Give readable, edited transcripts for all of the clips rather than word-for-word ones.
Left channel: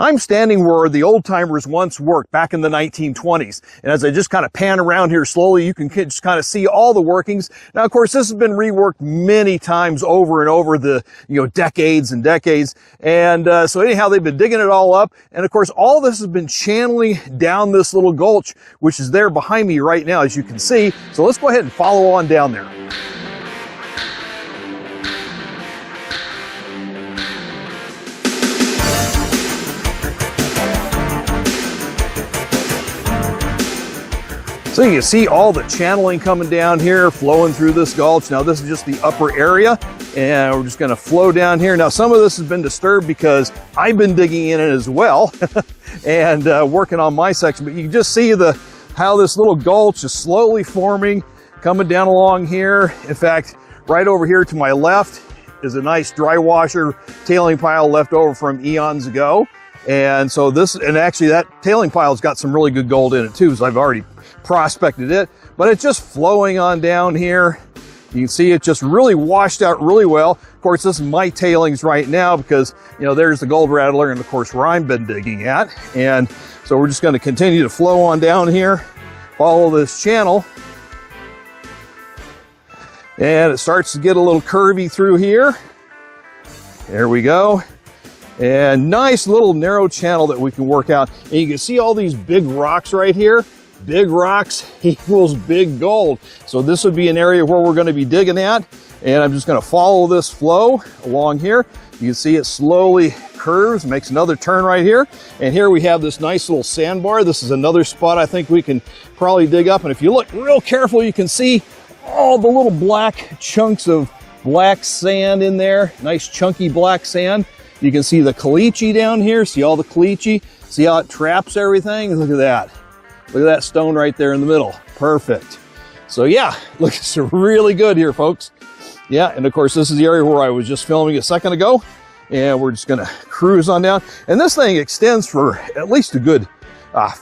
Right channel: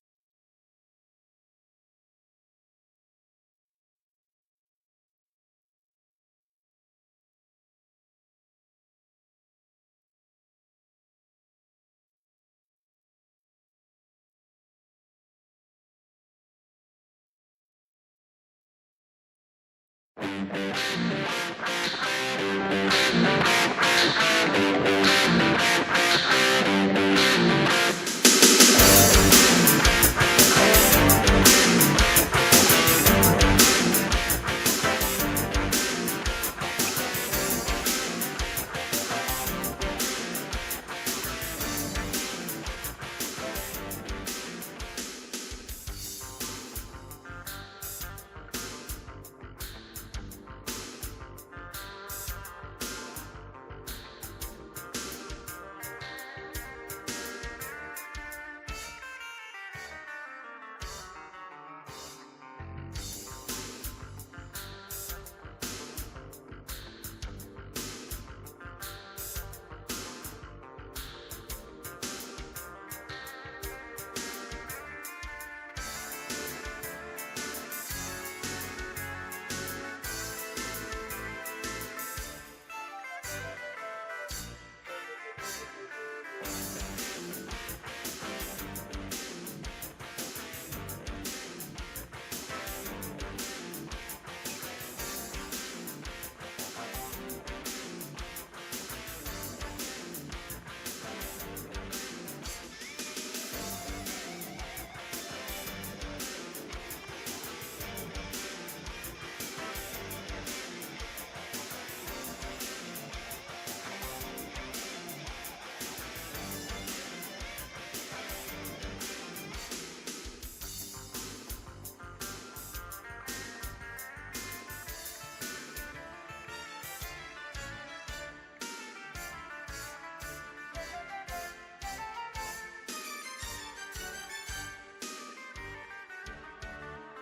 I'm standing where the old timers once worked back in the 1920s. And as I just kind of pan around here slowly, you can just kind of see all the workings. Now, of course, this has been reworked many times over and over the, decades and decades. And so anyhow, they've been digging it all up. And of course, all this has been channeling down this little gulch, which is there behind me right now, as you can see. So let's go ahead and follow on down there. So you can see all the channeling coming down here, flowing through this gulch. Now this is just the upper area, and we're just gonna flow down here. Now some of this has been disturbed because I've been digging in it as well and working on my section, but you can just see how this little gulch is slowly forming, coming down along here. In fact, right over here to my left is a nice dry washer tailing pile left over from eons ago. And so actually that tailing pile's got some really good gold in it too, so I've already prospected it, but it's just flowing on down here. You can see it just really washed out really well. Of course, this is my tailings right now because, there's the gold rattler and of course where I've been digging at. And so we're just going to continue to flow on down here, follow this channel. And it starts to get a little curvy through here. There we go. And nice little narrow channel that we can work out. And you can see all these big rocks right here. Big rocks equals big gold. So this would be an area where we're going to be digging at. And I'm just going to follow this flow along here. You can see it slowly curves, makes another turn right here. And here we have this nice little sandbar. This is another spot I think we can probably dig up. And if you look real careful, you can see all the little black chunks of black sand in there. Nice chunky black sand. You can see the caliche down here. See all the caliche? See how it traps everything? Look at that. Look at that stone right there in the middle. Perfect. So yeah, looks really good here, folks. Yeah, and of course, this is the area where I was just filming a second ago. And we're just gonna cruise on down. And this thing extends for at least a good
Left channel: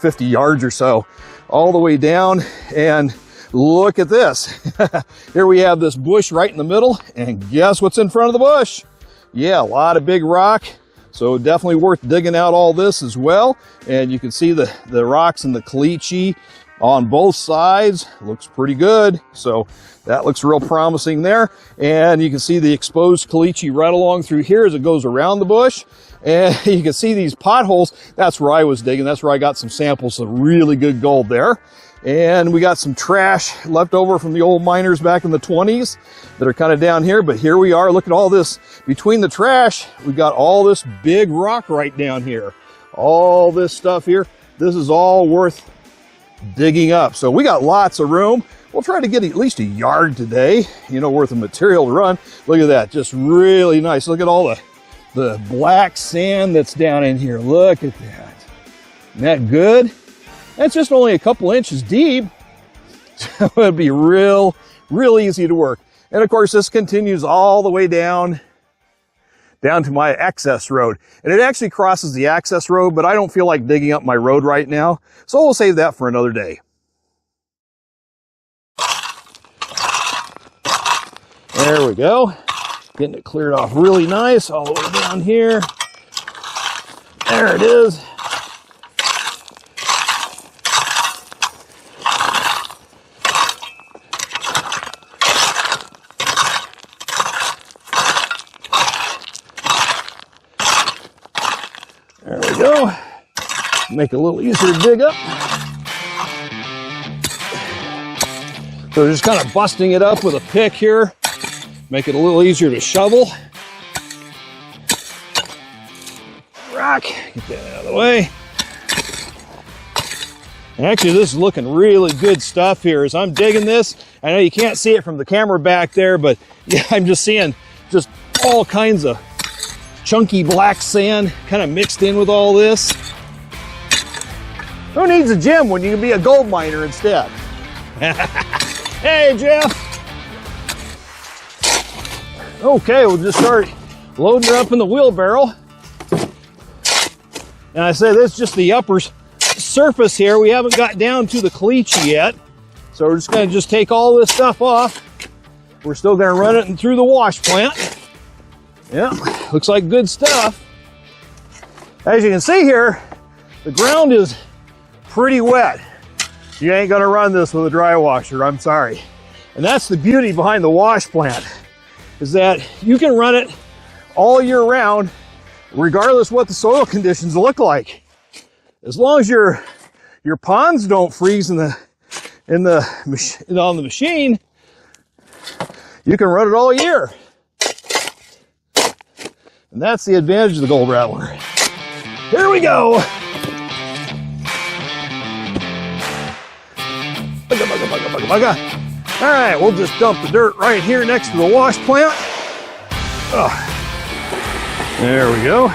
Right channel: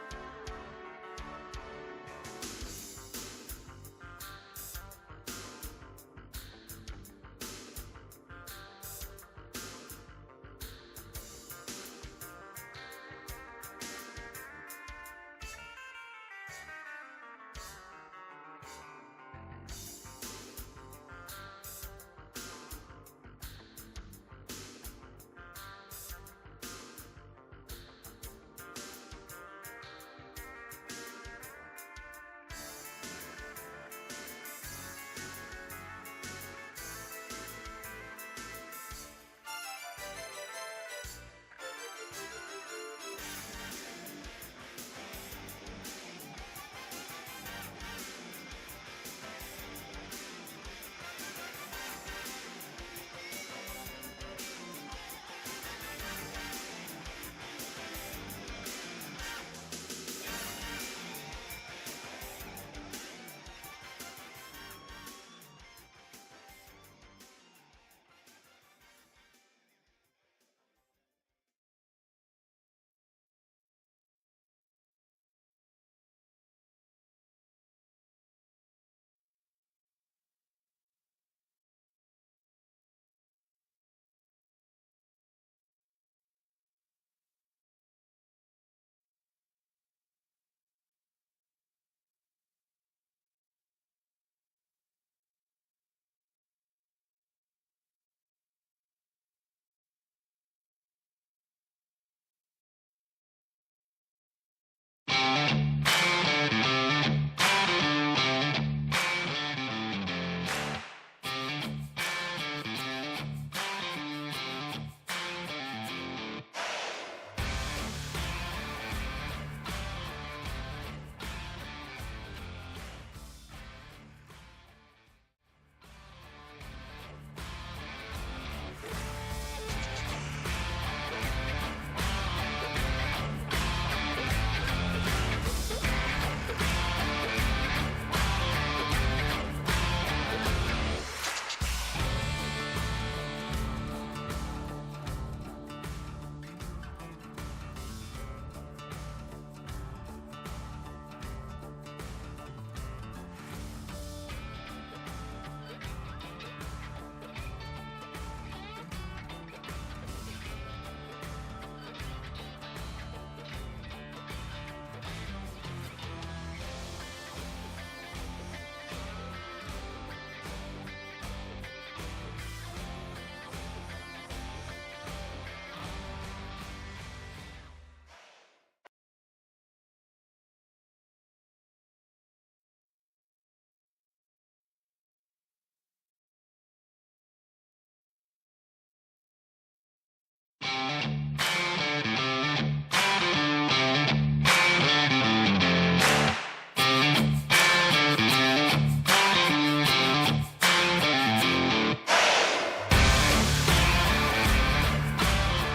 50 yards or so, all the way down. And look at this. Here we have this bush right in the middle. And guess what's in front of the bush? Yeah, a lot of big rock. So definitely worth digging out all this as well. And you can see the rocks and the caliche on both sides. Looks pretty good. So that looks real promising there. And you can see the exposed caliche right along through here as it goes around the bush. And you can see these potholes. That's where I was digging. That's where I got some samples of really good gold there. And we got some trash left over from the old miners back in the 20s that are kind of down here. But here we are. Look at all this. Between the trash, we got all this big rock right down here. All this stuff here. This is all worth digging up. So we got lots of room. We'll try to get at least a yard today, worth of material to run. Look at that. Just really nice. Look at all the black sand that's down in here. Look at that. Isn't that good? That's just only a couple inches deep. So it'd be real easy to work. And of course, this continues all the way down to my access road. And it actually crosses the access road, but I don't feel like digging up my road right now. So we'll save that for another day. There we go. Getting it cleared off really nice all the way down here. There it is. There we go. Make it a little easier to dig up. So just kind of busting it up with a pick here. Make it a little easier to shovel. Rock, get that out of the way. Actually, this is looking really good stuff here. As I'm digging this, I know you can't see it from the camera back there, but yeah, I'm just seeing just all kinds of chunky black sand kind of mixed in with all this. Who needs a gym when you can be a gold miner instead? Hey, Jeff. Okay, we'll just start loading her up in the wheelbarrow. And I say this is just the upper surface here. We haven't got down to the caliche yet. So we're just gonna take all this stuff off. We're still gonna run it through the wash plant. Yeah, looks like good stuff. As you can see here, the ground is pretty wet. You ain't gonna run this with a dry washer, I'm sorry. And that's the beauty behind the wash plant, is that you can run it all year round, regardless what the soil conditions look like. As long as your ponds don't freeze on the machine, you can run it all year. And that's the advantage of the Gold Rattler. Here we go. All right, we'll just dump the dirt right here next to the wash plant. There we go.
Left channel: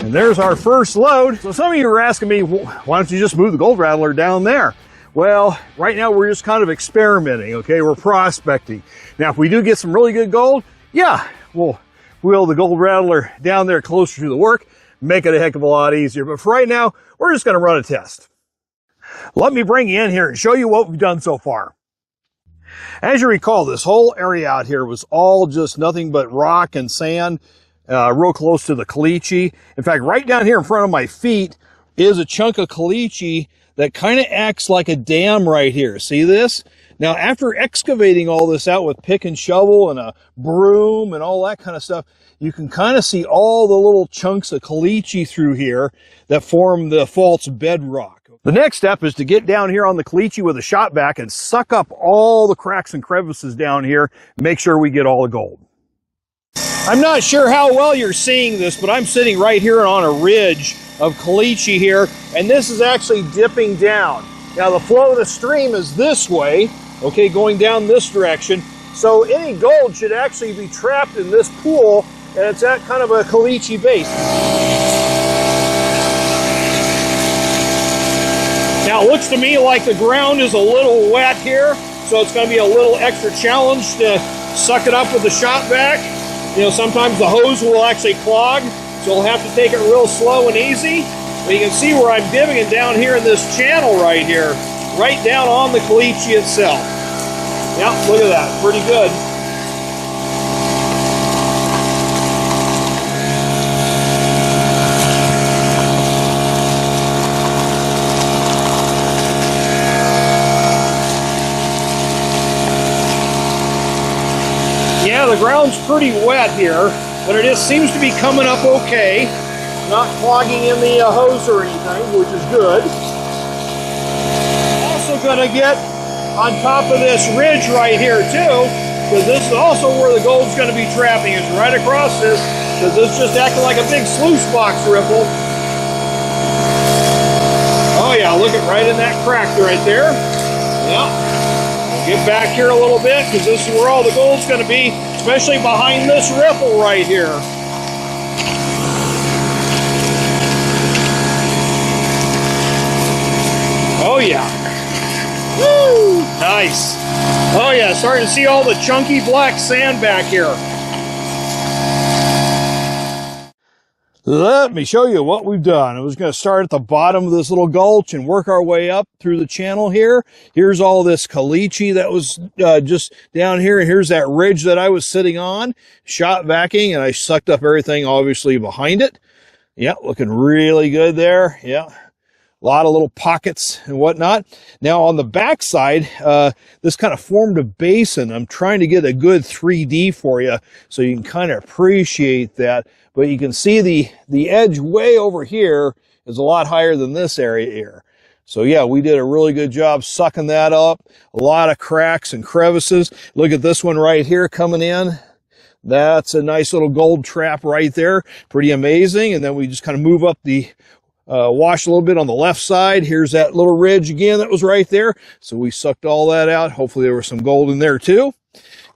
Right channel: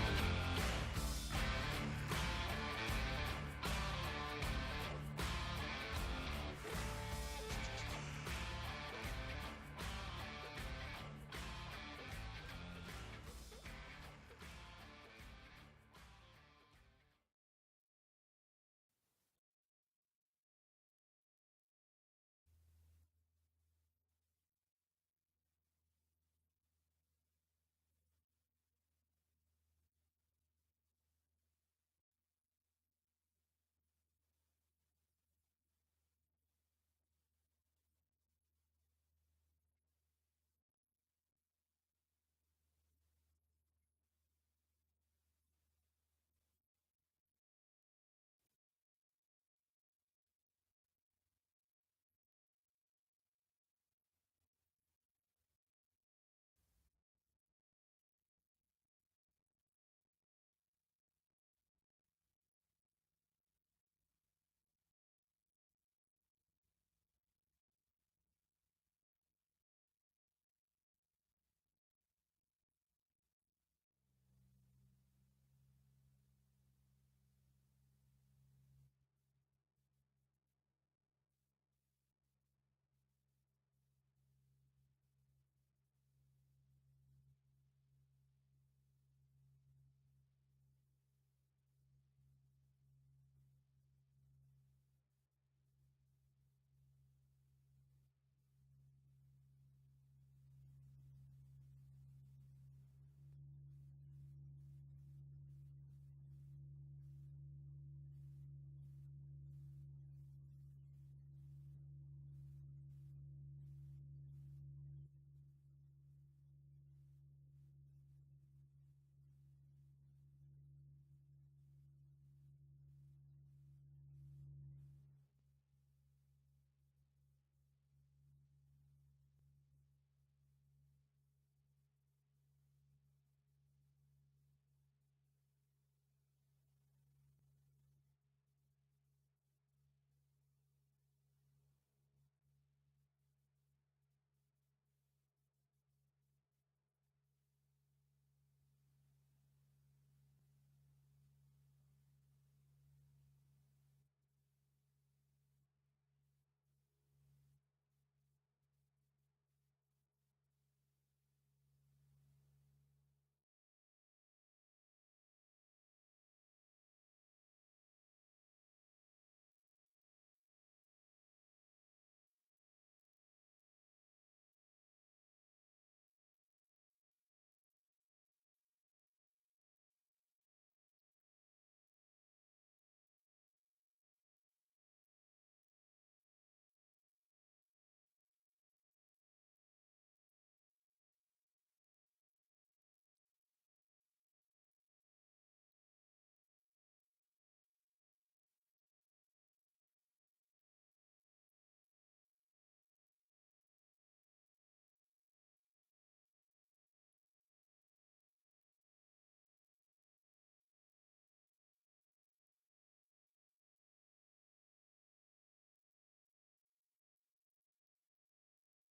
And there's our first load. So some of you are asking me, why don't you just move the Gold Rattler down there? Well, right now we're just kind of experimenting, okay? We're prospecting. Now, if we do get some really good gold, yeah, we'll wheel the Gold Rattler down there closer to the work, make it a heck of a lot easier. But for right now, we're just gonna run a test. Let me bring you in here and show you what we've done so far. As you recall, this whole area out here was all just nothing but rock and sand, real close to the caliche. In fact, right down here in front of my feet is a chunk of caliche that kind of acts like a dam right here. See this? Now, after excavating all this out with pick and shovel and a broom and all that kind of stuff, you can kind of see all the little chunks of caliche through here that form the false bedrock. The next step is to get down here on the caliche with a shot vac and suck up all the cracks and crevices down here, make sure we get all the gold. I'm not sure how well you're seeing this, but I'm sitting right here on a ridge of caliche here, and this is actually dipping down. Now the flow of the stream is this way, okay, going down this direction. So any gold should actually be trapped in this pool, and it's at kind of a caliche base. Now it looks to me like the ground is a little wet here, so it's going to be a little extra challenge to suck it up with the shot vac. You know, sometimes the hose will actually clog, so we'll have to take it real slow and easy. But you can see where I'm digging down here in this channel right here, right down on the caliche itself. Yeah, look at that, pretty good. Yeah, the ground's pretty wet here, but it just seems to be coming up okay. Not clogging in the hose or anything, which is good. Also gonna get on top of this ridge right here too, because this is also where the gold's gonna be trapping, is right across this, because this just acting like a big sluice box ripple. Oh yeah, look at right in that crack right there. Yeah. Get back here a little bit, because this is where all the gold's going to be, especially behind this ripple right here. Oh yeah. Woo! Nice. Oh yeah, starting to see all the chunky black sand back here. Let me show you what we've done. I was going to start at the bottom of this little gulch and work our way up through the channel here. Here's all this caliche that was just down here. And here's that ridge that I was sitting on, shot vacuuming, and I sucked up everything obviously behind it. Yeah, looking really good there. Yeah, a lot of little pockets and whatnot. Now on the back side, this kind of formed a basin. I'm trying to get a good 3D for you so you can kind of appreciate that. But you can see the edge way over here is a lot higher than this area here. So yeah, we did a really good job sucking that up. A lot of cracks and crevices. Look at this one right here coming in. That's a nice little gold trap right there. Pretty amazing. And then we just kind of move up the wash a little bit on the left side. Here's that little ridge again that was right there. So we sucked all that out. Hopefully there was some gold in there too.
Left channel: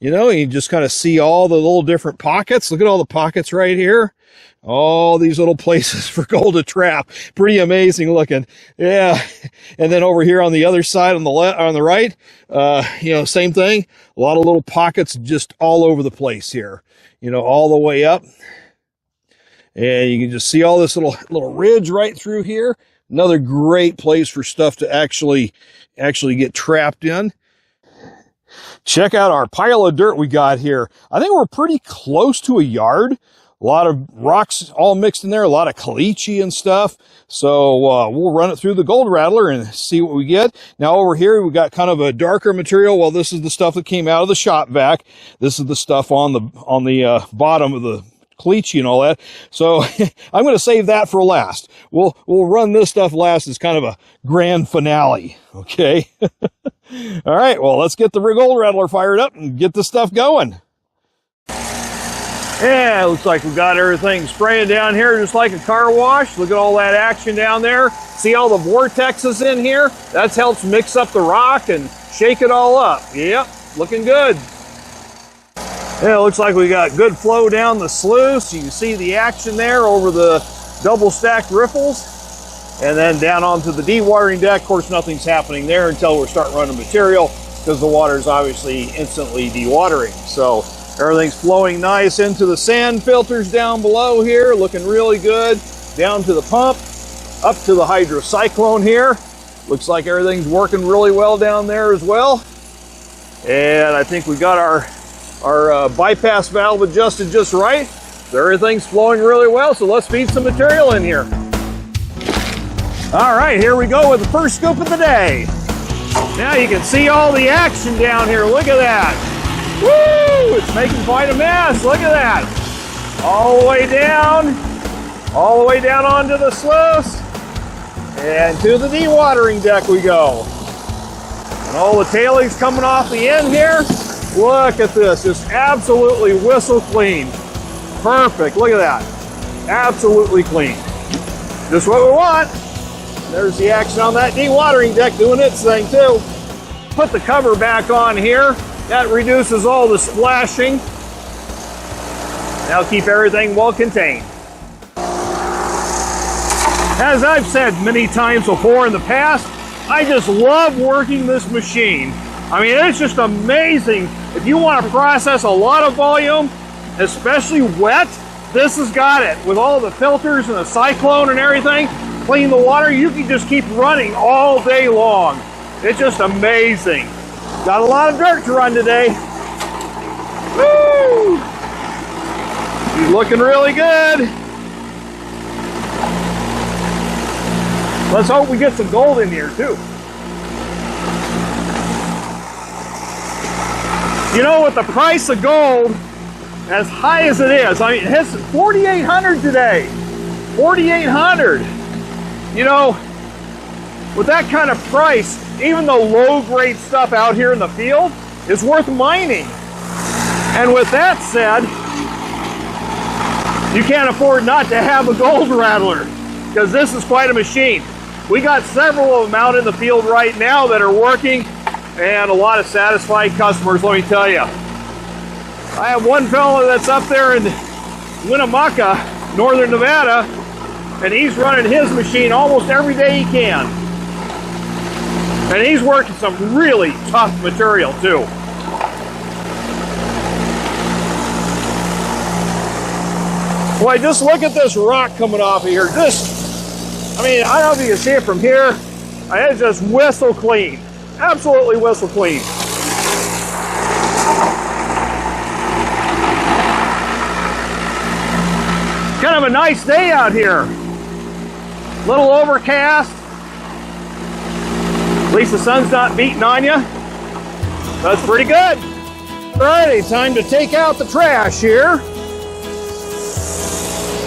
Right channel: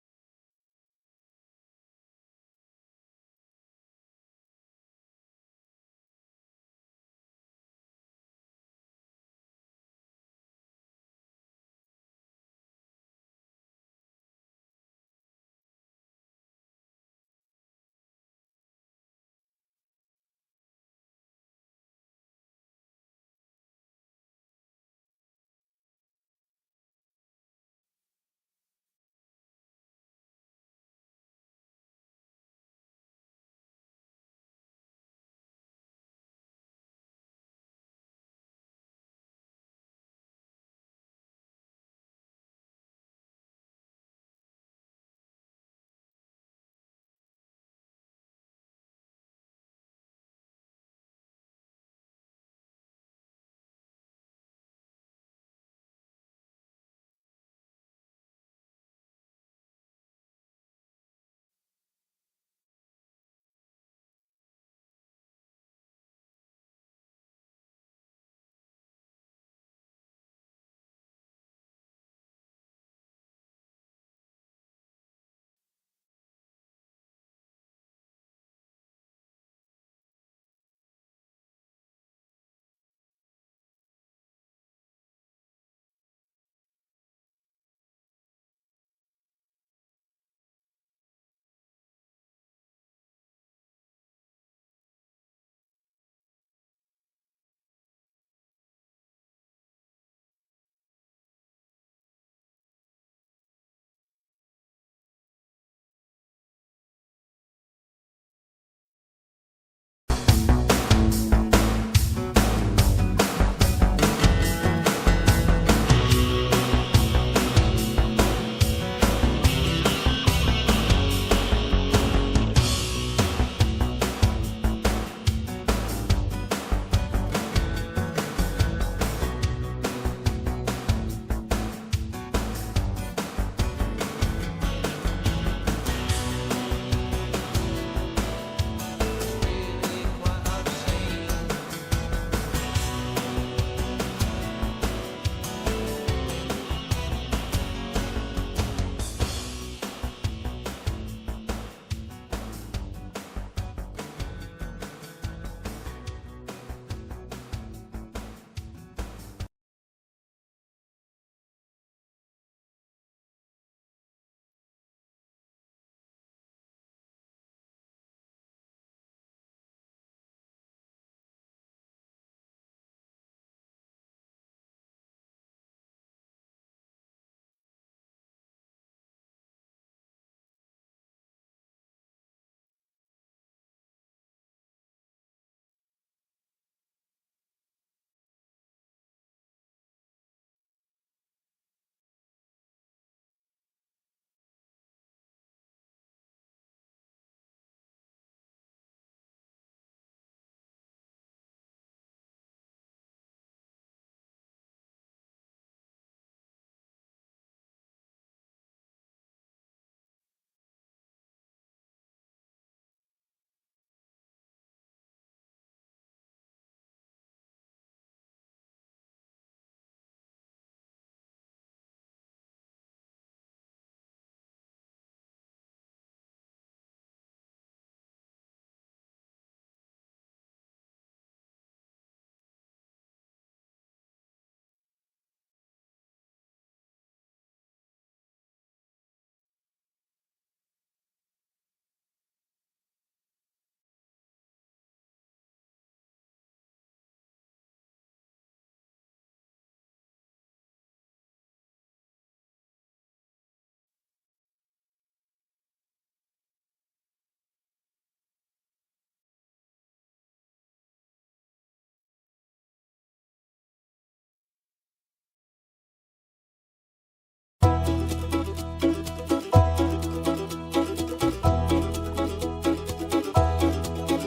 You know, you just kind of see all the little different pockets. Look at all the pockets right here. All these little places for gold to trap. Pretty amazing looking. Yeah. And then over here on the other side, on the right, you know, same thing. A lot of little pockets just all over the place here, you know, all the way up. And you can just see all this little ridge right through here. Another great place for stuff to actually get trapped in. Check out our pile of dirt we got here. I think we're pretty close to a yard. A lot of rocks all mixed in there, a lot of caliche and stuff. So we'll run it through the gold rattler and see what we get. Now over here, we got kind of a darker material. Well, this is the stuff that came out of the shop vac. This is the stuff on the bottom of the caliche and all that. So I'm going to save that for last. We'll run this stuff last as kind of a grand finale. Okay. All right. Well, let's get the gold rattler fired up and get this stuff going. Yeah, looks like we got everything spraying down here just like a car wash. Look at all that action down there. See all the vortexes in here? That helps mix up the rock and shake it all up. Yep, looking good. Yeah, it looks like we got good flow down the sluice. You can see the action there over the double stacked riffles. And then down onto the dewatering deck. Of course, nothing's happening there until we start running material because the water is obviously instantly dewatering. So everything's flowing nice into the sand filters down below here, looking really good. Down to the pump, up to the hydrocyclone here. Looks like everything's working really well down there as well. And I think we got our bypass valve adjusted just right. So everything's flowing really well, so let's feed some material in here. All right, here we go with the first scoop of the day. Now you can see all the action down here. Look at that. Woo! It's making quite a mess. Look at that. All the way down onto the sluice, and to the dewatering deck we go. And all the tailings coming off the end here. Look at this, just absolutely whistle clean. Perfect, look at that. Absolutely clean. Just what we want. There's the action on that dewatering deck doing its thing too. Put the cover back on here. That reduces all the splashing. That'll keep everything well contained. As I've said many times before in the past, I just love working this machine. I mean, it's just amazing. If you want to process a lot of volume, especially wet, this has got it. With all the filters and the cyclone and everything, clean the water, you can just keep running all day long. It's just amazing. Got a lot of dirt to run today. Woo! He's looking really good. Let's hope we get some gold in here too. You know, with the price of gold as high as it is, I mean, it hits $4,800 today. $4,800. You know, with that kind of price, even the low-grade stuff out here in the field is worth mining. And with that said, you can't afford not to have a gold rattler, because this is quite a machine. We got several of them out in the field right now that are working, and a lot of satisfied customers, let me tell you. I have one fellow that's up there in Winnemucca, northern Nevada, and he's running his machine almost every day he can. And he's working some really tough material too. Boy, just look at this rock coming off of here. I mean, I don't know if you can see it from here. It's just whistle clean. Absolutely whistle clean. Kind of a nice day out here. Little overcast. At least the sun's not beating on you. That's pretty good. Alrighty, time to take out the trash here.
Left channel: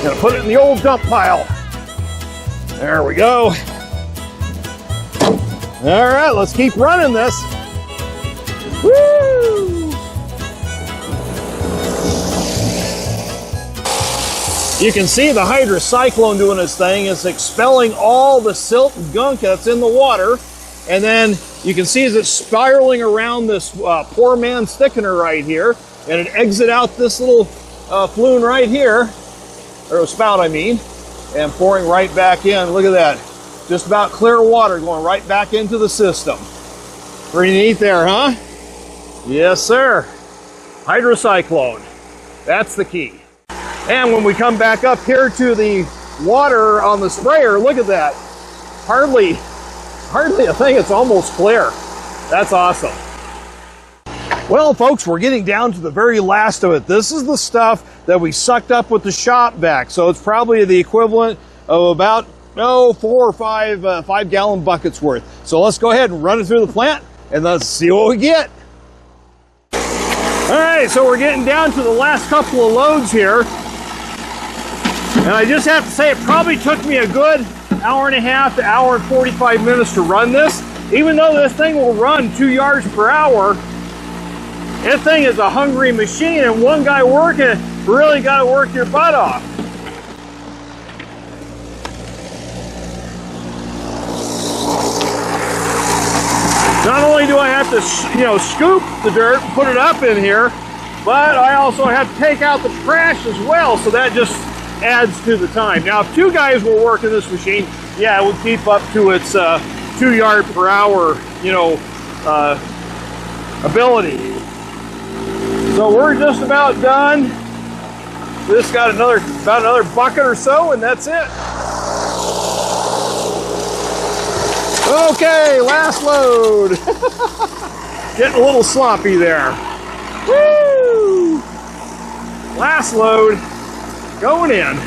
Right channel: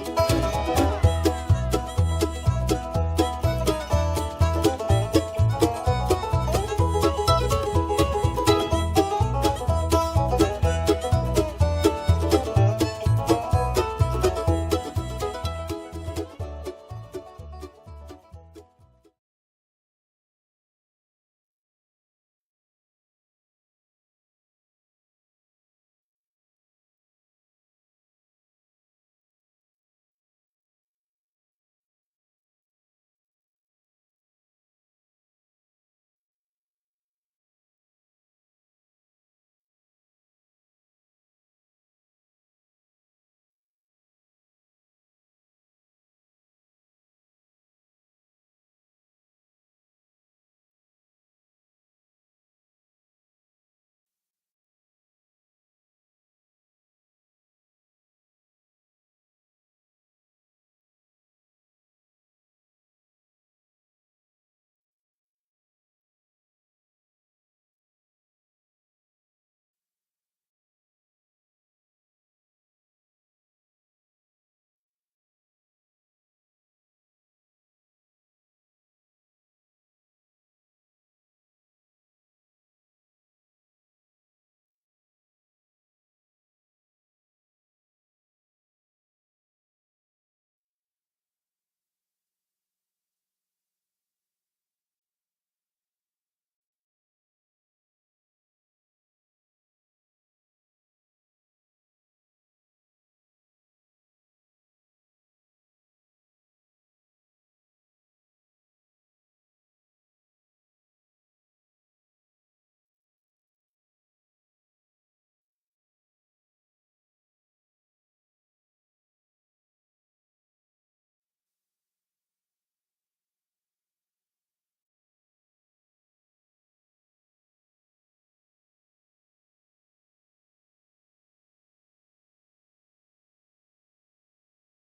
Gonna put it in the old dump pile. There we go. All right, let's keep running this. Woo! You can see the hydrocyclone doing its thing. It's expelling all the silt and gunk that's in the water. And then you can see as it's spiraling around this poor man's thickener right here, and it exits out this little flume right here, or a spout I mean, and pouring right back in. Look at that. Just about clear water going right back into the system. Pretty neat there, huh? Yes, sir. Hydrocyclone. That's the key. And when we come back up here to the water on the sprayer, look at that. Hardly a thing, it's almost clear. That's awesome. Well, folks, we're getting down to the very last of it. This is the stuff that we sucked up with the shop vac. So it's probably the equivalent of about, 4 or 5 5-gallon buckets worth. So let's go ahead and run it through the plant and let's see what we get. All right, so we're getting down to the last couple of loads here. And I just have to say, it probably took me a good hour and a half to hour and 45 minutes to run this. Even though this thing will run 2 yards per hour, this thing is a hungry machine, and one guy working, really got to work your butt off. Not only do I have to, scoop the dirt, put it up in here, but I also have to take out the trash as well, so that just adds to the time. Now, if 2 guys were working this machine, yeah, it would keep up to its 2 yard per hour, ability. So we're just about done. This got about another bucket or so, and that's it. Okay, last load. Getting a little sloppy there. Woo! Last load going in.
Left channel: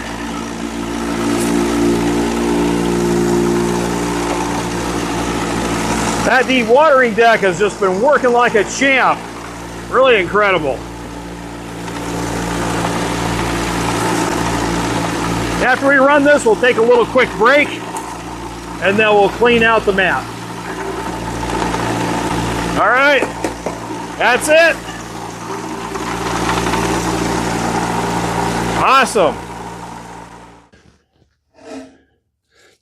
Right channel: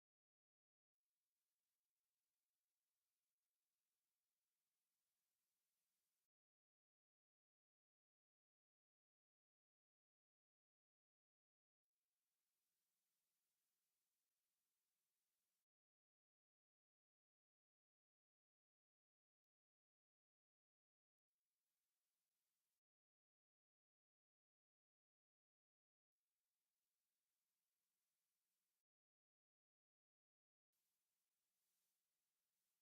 That dewatering deck has just been working like a champ. Really incredible. After we run this, we'll take a little quick break, and then we'll clean out the mat. All right, that's it. Awesome.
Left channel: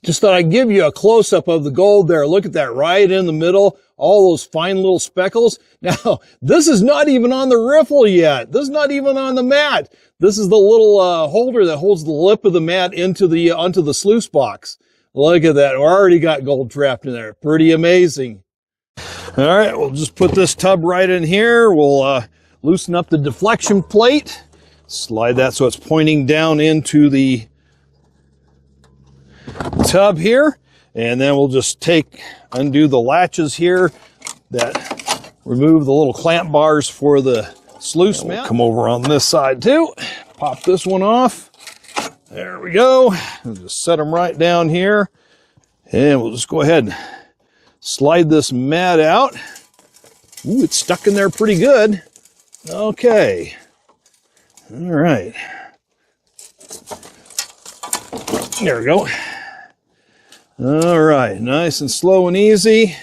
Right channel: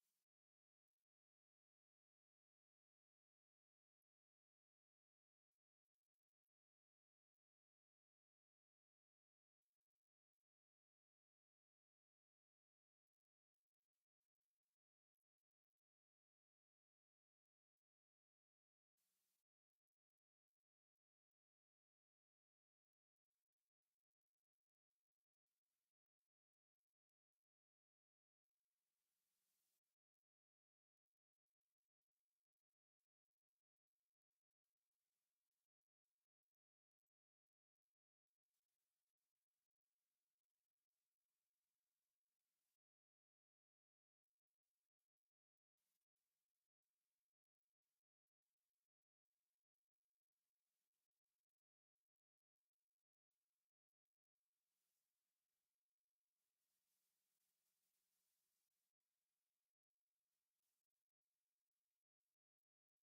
Just thought I'd give you a close-up of the gold there. Look at that right in the middle, all those fine little speckles. Now, this is not even on the riffle yet. This is not even on the mat. This is the little holder that holds the lip of the mat onto the sluice box. Look at that. We already got gold trapped in there. Pretty amazing. All right, we'll just put this tub right in here. We'll loosen up the deflection plate. Slide that so it's pointing down into the tub here. And then we'll just undo the latches here that remove the little clamp bars for the sluice mat. We'll come over on this side too. Pop this one off. There we go. We'll just set them right down here. And we'll just go ahead and slide this mat out. Ooh, it's stuck in there pretty good. Okay. All right. There we go. All right, nice and slow and easy.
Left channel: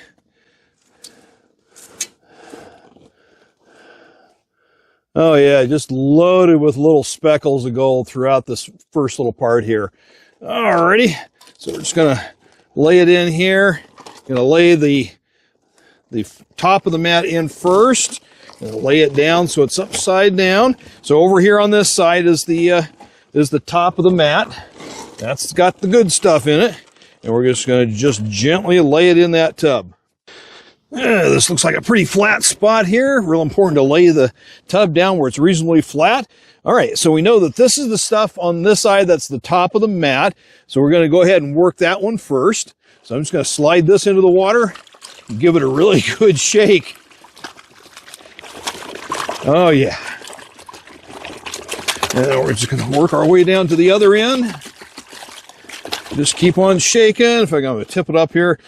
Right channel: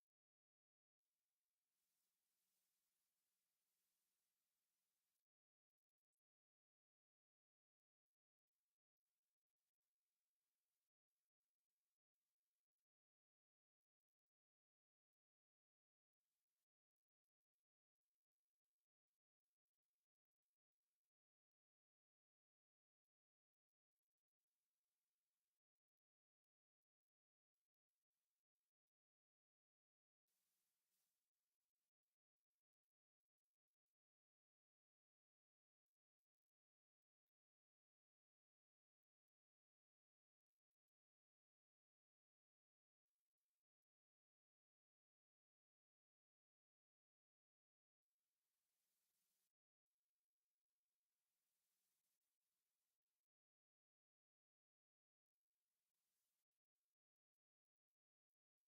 Oh yeah, just loaded with little speckles of gold throughout this first little part here. Alrighty, so we're just gonna lay it in here. Gonna lay the top of the mat in first. Gonna lay it down so it's upside down. So over here on this side is the top of the mat. That's got the good stuff in it. And we're just gonna gently lay it in that tub. This looks like a pretty flat spot here. Real important to lay the tub down where it's reasonably flat. All right, so we know that this is the stuff on this side that's the top of the mat. So we're gonna go ahead and work that one first. So I'm just gonna slide this into the water and give it a really good shake. Oh yeah. And then we're just gonna work our way down to the other end. Just keep on shaking. If I'm going to tip it up here.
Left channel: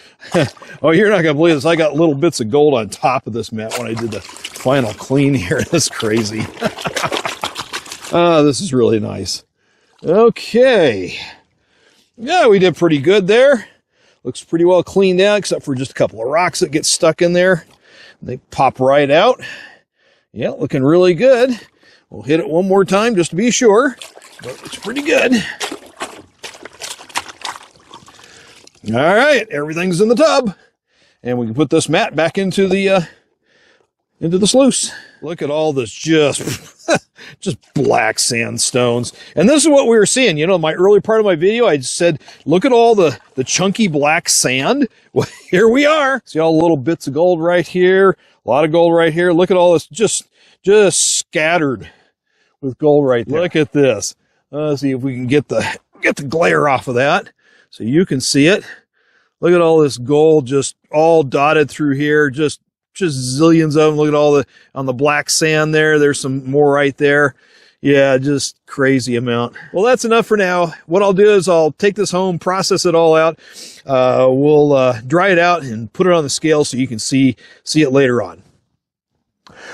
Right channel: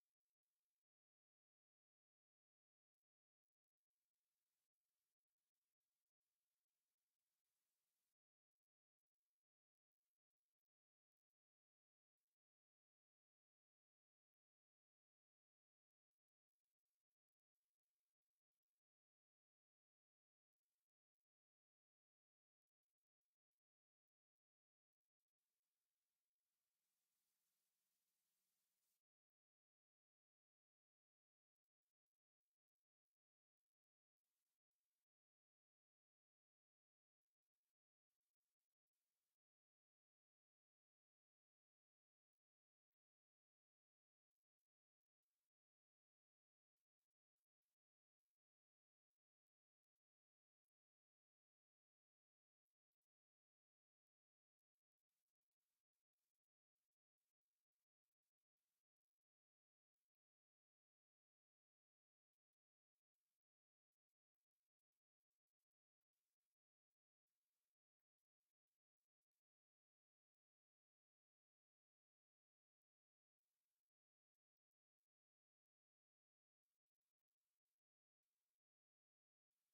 Oh, you're not going to believe this. I got little bits of gold on top of this mat when I did the final clean here. That's crazy. This is really nice. Okay. Yeah, we did pretty good there. Looks pretty well cleaned out, except for just a couple of rocks that get stuck in there. They pop right out. Yeah, looking really good. We'll hit it one more time just to be sure. But it's pretty good. All right, everything's in the tub, and we can put this mat back into the sluice. Look at all this just black sandstones. And this is what we were seeing. You know, my early part of my video, I just said, look at all the chunky black sand. Well, here we are. See all the little bits of gold right here, a lot of gold right here. Look at all this just scattered with gold right there. Look at this. Let's see if we can get the glare off of that. So you can see it. Look at all this gold just all dotted through here, just just zillions of them. Look at all the, on the black sand there. There's some more right there. Yeah, just crazy amount. Well, that's enough for now. What I'll do is I'll take this home, process it all out. We'll dry it out and put it on the scale so you can see it later on.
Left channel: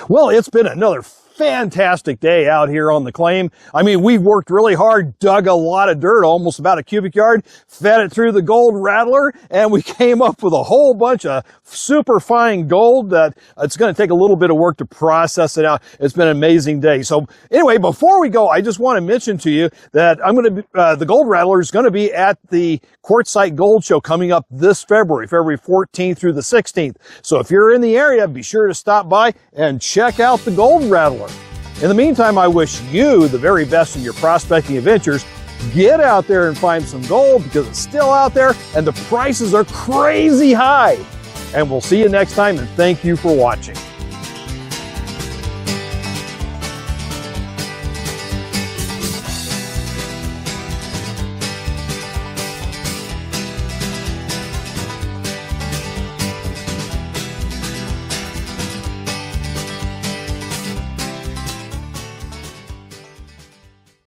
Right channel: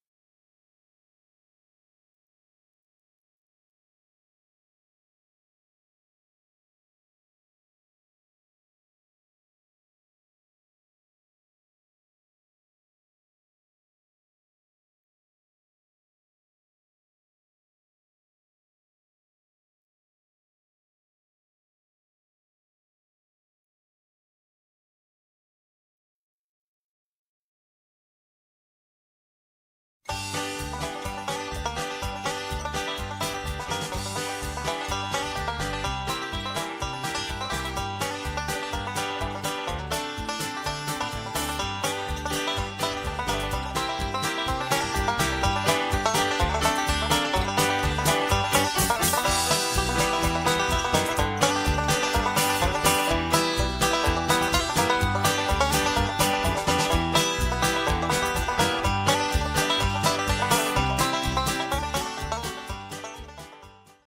Well, it's been another fantastic day out here on the claim. I mean, we worked really hard, dug a lot of dirt, almost about a cubic yard, fed it through the gold rattler, and we came up with a whole bunch of super fine gold that it's going to take a little bit of work to process it out. It's been an amazing day. So anyway, before we go, I just want to mention to you that I'm going to be, the gold rattler is going to be at the Quartzsite Gold Show coming up this February 14th through the 16th. So if you're in the area, be sure to stop by and check out the gold rattler. In the meantime, I wish you the very best in your prospecting adventures. Get out there and find some gold because it's still out there and the prices are crazy high. And we'll see you next time, and thank you for watching.